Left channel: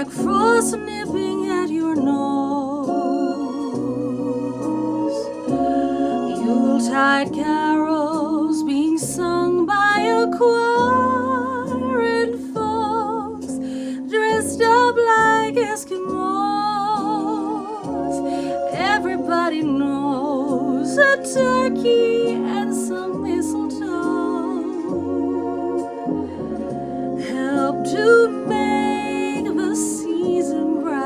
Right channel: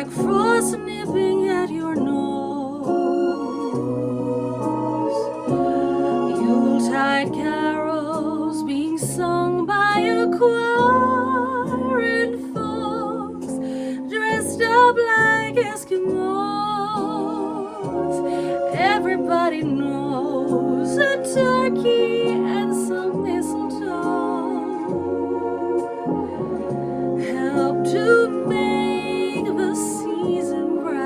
like frost nipping at your nose. Yuletide carols being sung by a choir, and folks dressed up like Eskimos. Everybody knows a turkey and some mistletoe help to make the season bright.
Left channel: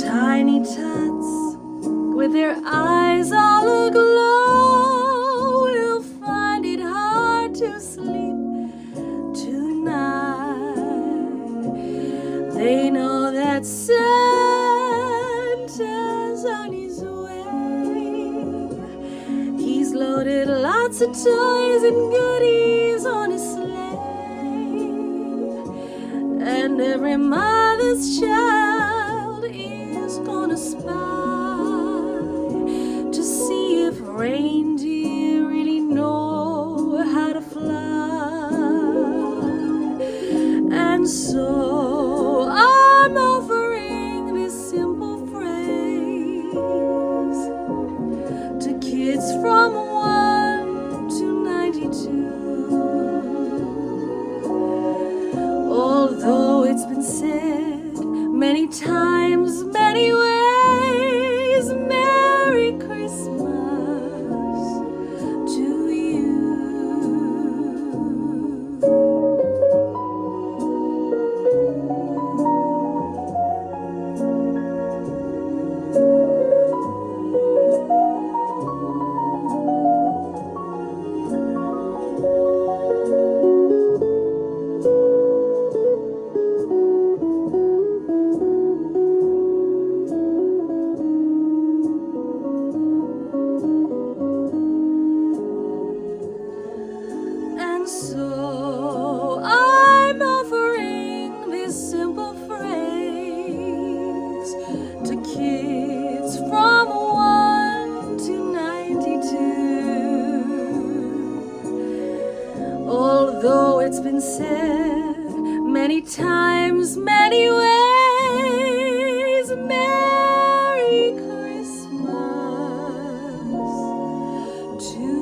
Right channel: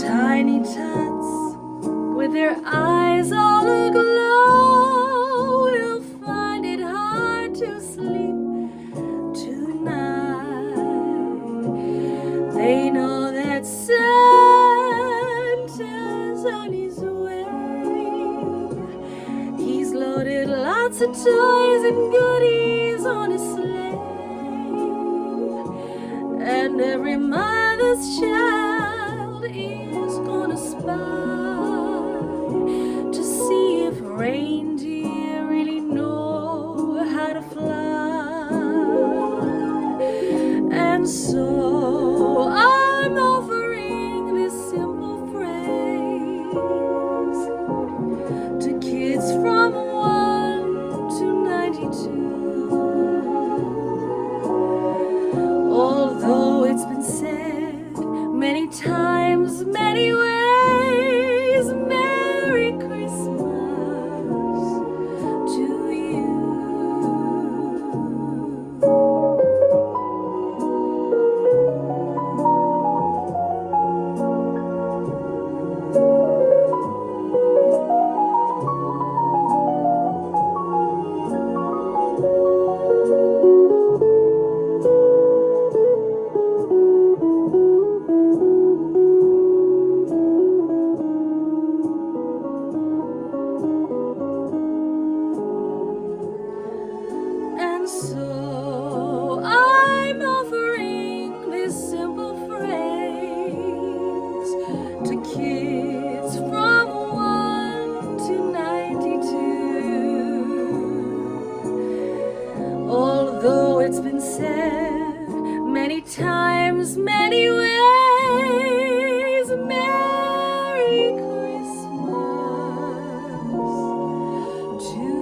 Tiny tots with their eyes all aglow will find it hard to sleep tonight. They know that Santa's on his way. He's loaded lots of toys and goodies on his sleigh, and every mother's child is gonna spy to see if reindeer really know how to fly. And so I'm offering this simple phrase to kids from 1 to 92. Although it's been said many times, many ways, Merry Christmas to you. And so I'm offering this simple phrase to kids from 1 to 92. Although it's been said many times, many ways, Merry Christmas to you.